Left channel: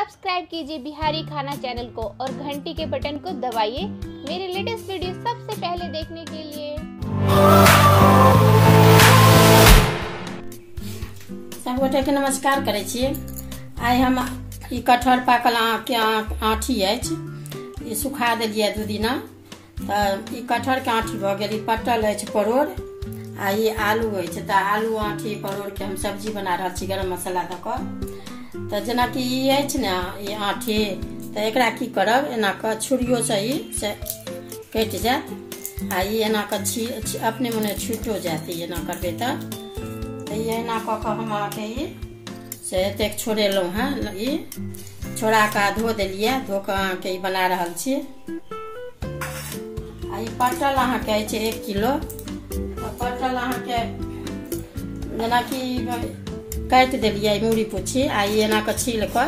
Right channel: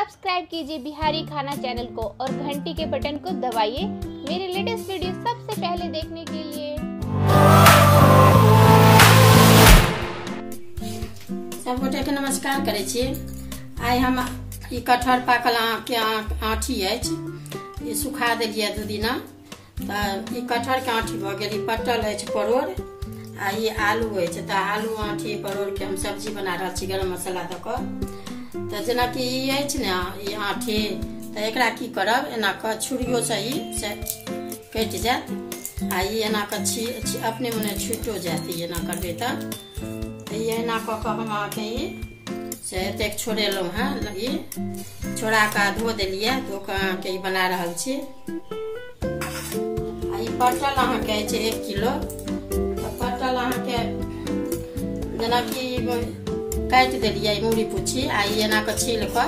Subscribe कीजिए बिहारी खाना channel को और घंटी के बटन को दबाइए मेरे लेटेस्ट वीडियो सबसे पहले देखने के लिए। सबगोटे के नमस्कार करे छी। आइ हम ई कटहर पाकल के आठी अछि, ई सुखा देलिए 2 दिना। ई कटहर के आठी भ गेल। ई पटल अछि परोड़ आ ई आलू अछि। त आलू आठी परोड़ के हम सब्जी बना रहल छी गरम मसाला द क। त जेना कि ई अछि ने ई आठी, त एकरा की करब, एना क छुरियो से ई से कटि जायत आ ई एना क अपने मने छुटो जायत। ई एना करबे त ई एना क हम अहाँके ई से एतेक छोड़ेलहुँ हैं। ई छोड़ा के धो देलिए, धो के अहाँके ई बना रहल छी। आ ई पटल अहाँके अछि 1 किलो। पटल अहाँके जेना कि काटि देलिए मूड़ी पूछी आ ई एना के छील के,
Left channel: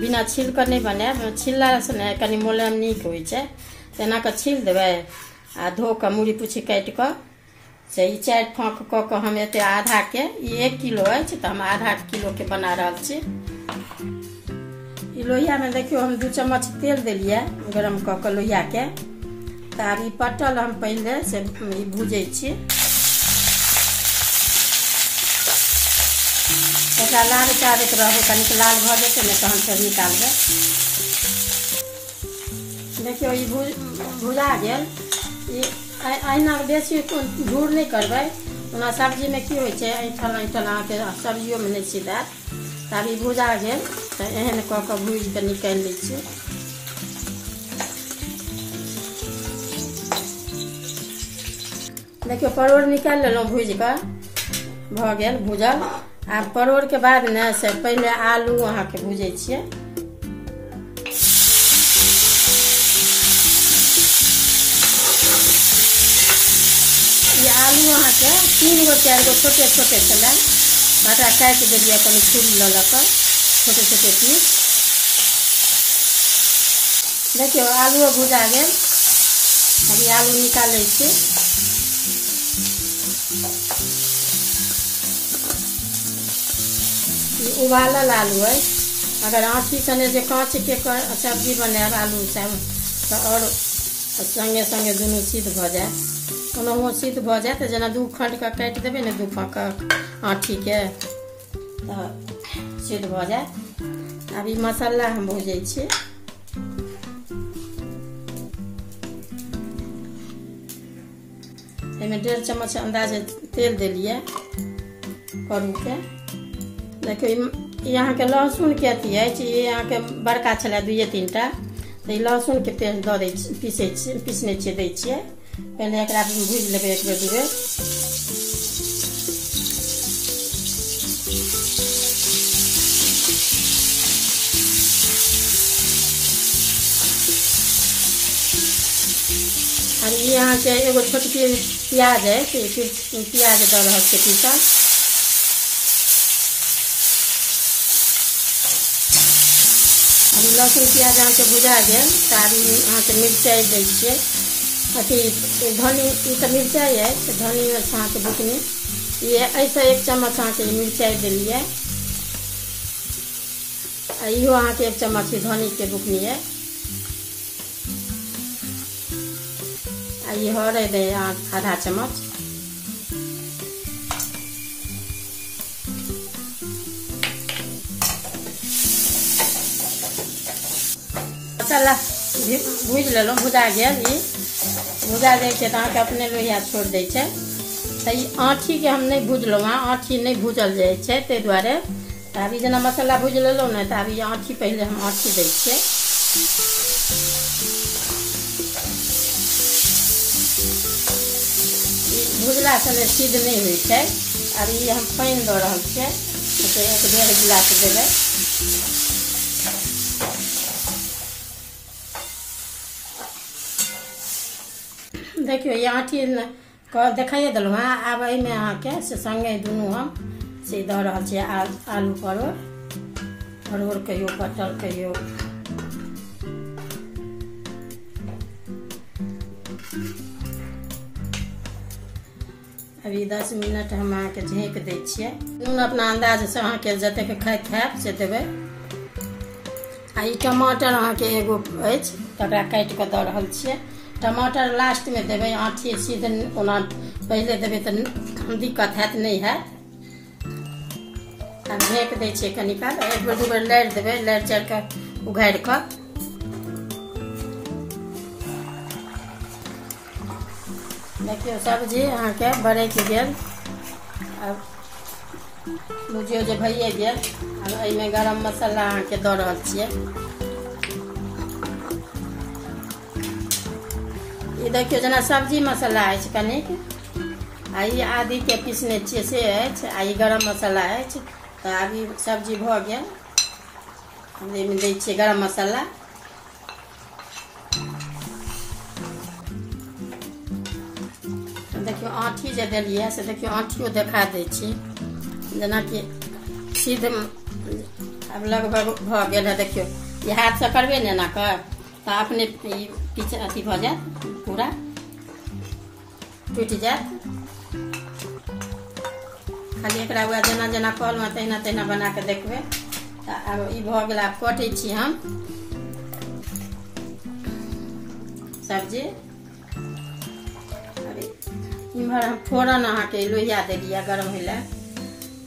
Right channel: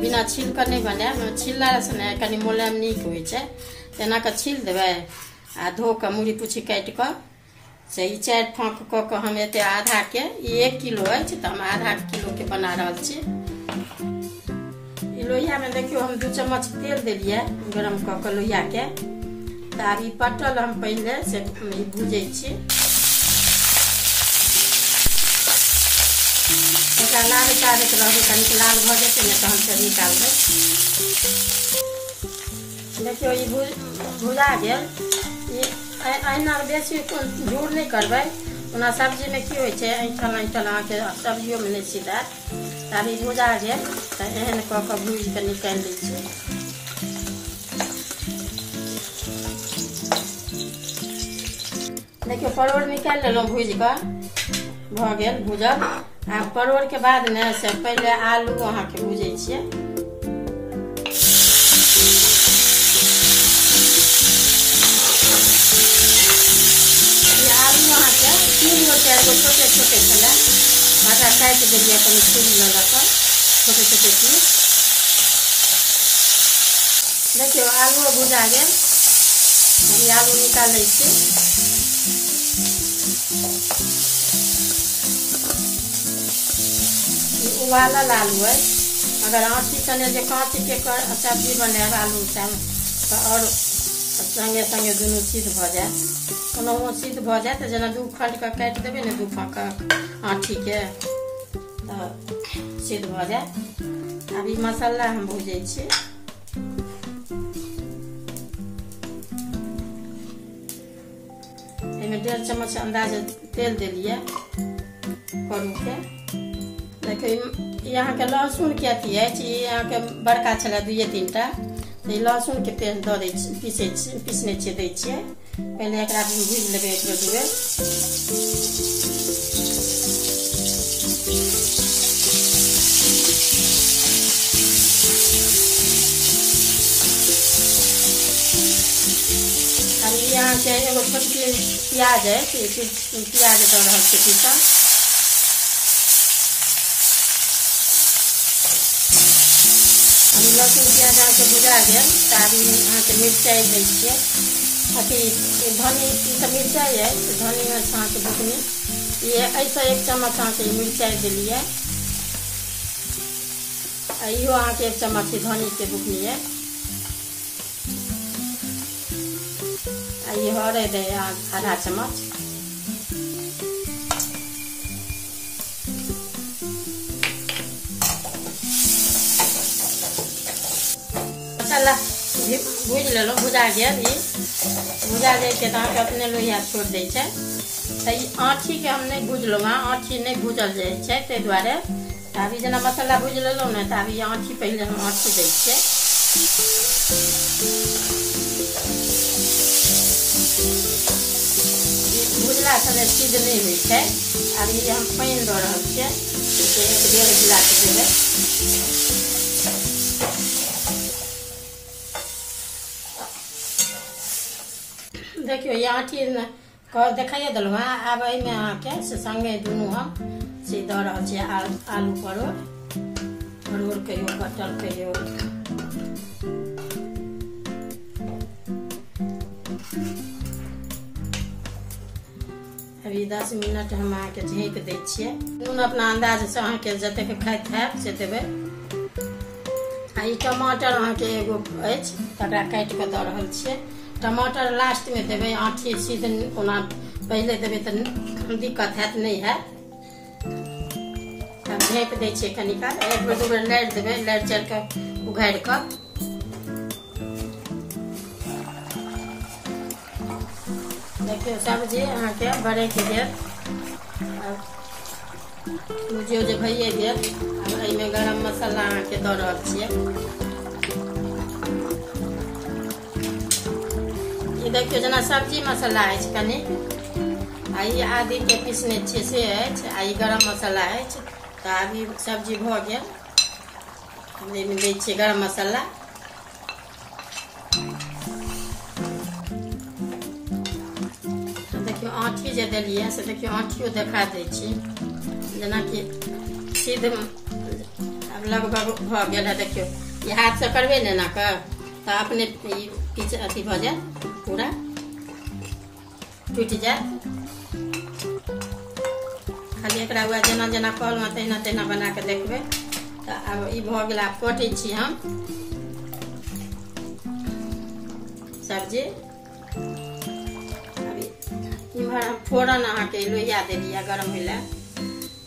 बिना छील के नहीं बनाएब, छिलला से ने कनी मोलायम नीक होइ छै। एना के छील देबै आ धो के मूड़ी पूछी काटि के से ई 4 फाँक क के हम एते आधा के, ई 1 किलो अछि त हम आधा किलो के बना रहल छी। ई लोहिया में देखियो हम 2 चम्मच तेल देलिए गरम क के लोहिया के। त आब ई पटल हम पहले से भूजै छी। एकरा लाल चाहत रहबै, कनिक लाल भ जेतै ने तहन फेर निकालबै। देखियो ई भुजा गेल। अहिना बेसी झूर नहीं करबै, ओना सब्जी में की होइ छै ऐठल ऐठल अहाँके सब्जियों में नहीं सीधात। तब ई भुजा गेल त एहन क के भूज के निकालि लै छी। देखियो परोड़ निकालि लेलहुँ भूज के, भ गेल भूजल। आब परोड़ के बाद ने से पहले आलू अहाँके भूजै छियै। आलू अहाँके 3 गो 4 गो छोटे छोटे छलै, बड़ा काटि देलिए कनि छील ल के छोटे छोटे पीस। देखियो आलू भुजा गेल। हम आलू निकालै छी। उबालल आलू है। अगर आँठी सने जे काँच के सब्जी बनाएब आलू संग तो और संगे संगे दुनू सिद्ध भ जायत। ओनाहो सिद्ध भ जायत। जेना 2 खंड के काटि देबै ने 2 फाँक आँठी के तो सिद्ध भ जायत। अब ई मसाला हम भूजै छी। एहिमे 1.5 चम्मच अंदाजे तेल देलिए करू के। देखियो यहाँ के लहसुन के अथी है, यहाँ के बड़का छलै 2-3 टा। तो लहसुन के पेस्ट दे पीसने छियै दै छियै। पहले एकरा भूज लेबै 1 बेर 2 बेर। और ये यहाँ के एगो छोटकी प्याज है, प्याज दे रहल छै पीसल। लहसुन प्याज अहाँके भुजा गेल त आब अहाँके मिरचाइ दै छियै। अथी धनी, ई सब मिरचाइ है, धनी अहाँके बुकनी ये ऐसे 1 चम्मच अहाँके मिरचाइ देलिए। इहो अहाँके 1 चम्मच धनी के बुकनी है। ये हरैद है आधा चम्मच। मसाला भूज लेलहुँ, भुजा गेल। ई भुजा जाइ छै तऽ अपने लोहिया छोड़ दै छै। तऽ ई आँठी के हम नहीं भूजलहुँ हैं, आँठी नहीं भूजल जाइ छै ताहि दुआरे। अभी जेना मसाला भूज लेलहुँ ने तऽ अभी आँठी पहले हम आँठी दै छियै। भुजला से सिद्ध नहीं होइ छै। अभी हम पानि दऽ रहल छियै, 1.5 गिलास देबै। देखियो ये आँठी देखाइए देलहुँ हैं। आब एहिमे अहाँके से संगे दुनू हम से दऽ रहल छियै आलू परोड़ कहियो कटहर कहियो। अभी 10 मिनट हम अहाँके झाँपि दै छियै। नून अपना अंदाज से अहाँके जतेक खाइत हैब से देबै। ई टमाटर अहाँके एगो अछि तकरा काटि कऽ दऽ रहल छियै। टमाटर लास्ट में देबै, आँठी सीधे ओना पहिले देबै तऽ दिक्कत हैत, नहीं हैत। ढेक दै छियै कनी काल, एक बेर दू बेर लारि देबै, लारि चारि कऽ उघारि कऽ। देखियौ सब्जी अहाँके बरकि गेल, बुझियौ जे भइए गेल। आब एहिमे गरम मसाला अहाँके दऽ रहल छियै। ई देखियौ जेना सब्जी मसाला अछि कनिक, आ ई आदी के पीसने छियै से अछि, आ ई गरम मसाला अछि। तऽ आब ई सब्जी भऽ गेल, एहिमे दै छियै गरम मसाला। देखियौ आँठी जे देलियै से देखियौ आँठियो देखा दै छी, जेनाकि सीध अब लगभग भऽ गेल है। देखियौ ये हाथ से करबै ने एना कऽ तऽ अपने पीछे अथी भऽ जायत, पूरा टूटि जायत। खाली एकरा हुआ जेना जेना कहलहुँ तहिना तहिना बना कऽ देखबै। तऽ आब ई भऽ गेल, आब कटै छी हम सब्जी। इम्हर हम फोरन अहाँके लोहिया देलियै गरम होइ लए,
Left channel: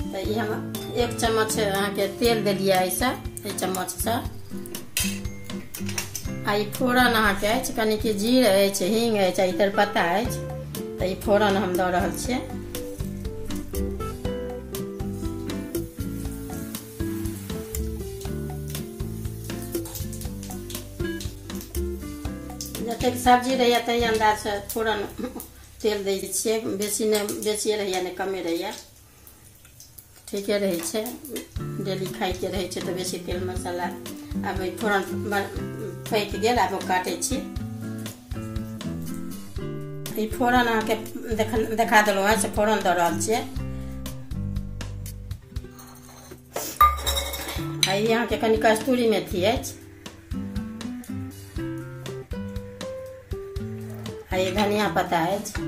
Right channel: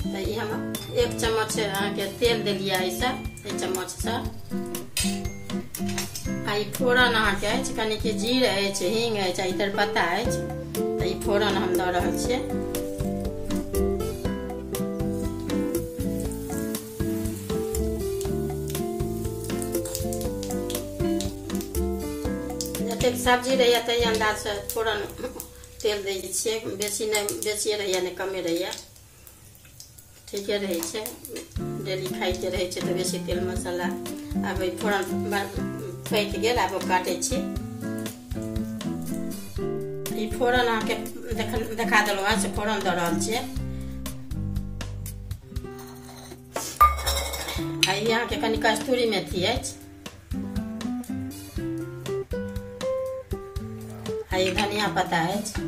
तऽ ई हम 1 चम्मच अहाँके तेल देलियै एहिसँ, 1 चम्मचसँ। आ ई फोरन अहाँके अछि, कनिक जीर अछि, हींग अछि, आ तेजपत्ता अछि। तऽ ई फोरन हम दऽ रहल छियै। जतेक सब्जी रहैया ताहि अंदाजसँ फोरन तेल दै छियै, बेसी नहि, बेसी रहैया नहि कमे रहैया, ठीके रहै छै। डेली खाइते रहै छै तऽ बेसी तेल मसाला। आब फोरन पकि गेल, आब काटै छी। ई फोरन अहाँके देखा देलहुँ हँ से फोरन दऽ रहल छियै। आ ई अहाँके कनि कस्तूरी मेथी अछि, आ ई धनिया पत्ता अछि।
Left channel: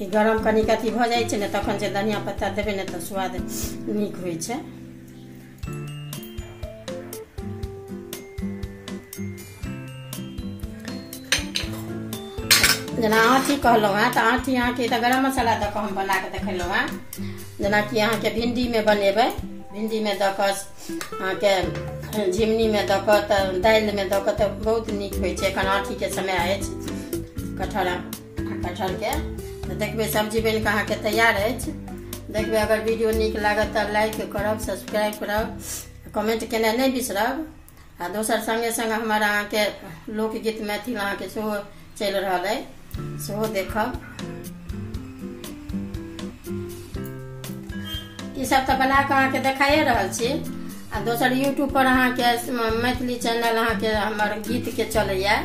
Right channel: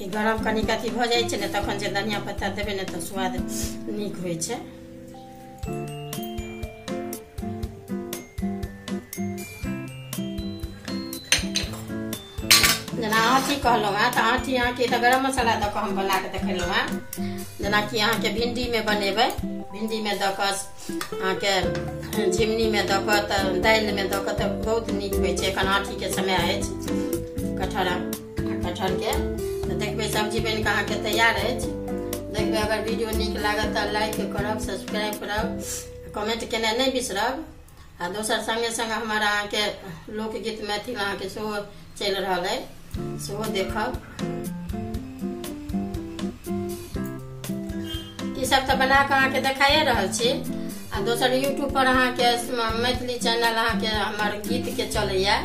ई गरम कनिक अथी भऽ जाइ छै ने, तखन जे धनिया पत्ता देबै ने तऽ स्वाद नीक होइ छै। जेना आँठी कहलहुँ हँ, तऽ आँठी अहाँके तऽ गरम मसाला दऽ कऽ हम बना कऽ देखेलहुँ हँ। जेनाकि अहाँके भिंडीमे बनेबै, भिंडीमे दऽ कऽ अहाँके झिमनीमे दऽ कऽ, तऽ दालिमे दऽ कऽ तऽ बहुत नीक होइ छै। एखन आँठीके समय अछि कटहरके। तऽ देखबै सब्जी बनि कऽ अहाँके तैयार अछि। देखबै अगर वीडियो नीक लागत तऽ लाइक करब, सब्सक्राइब करब, कमेंट केनाइ नहीं बिसरब। आ दोसर संगे संग हमर अहाँके लोकगीत मैथिल अहाँके सेहो चलि रहल अइ, सेहो देखब। ई सब तऽ बना कऽ अहाँके देखाइए रहल छी। आ दोसर यूट्यूब पर अहाँके मैथिली चैनल अहाँके हमर गीत के चलैया,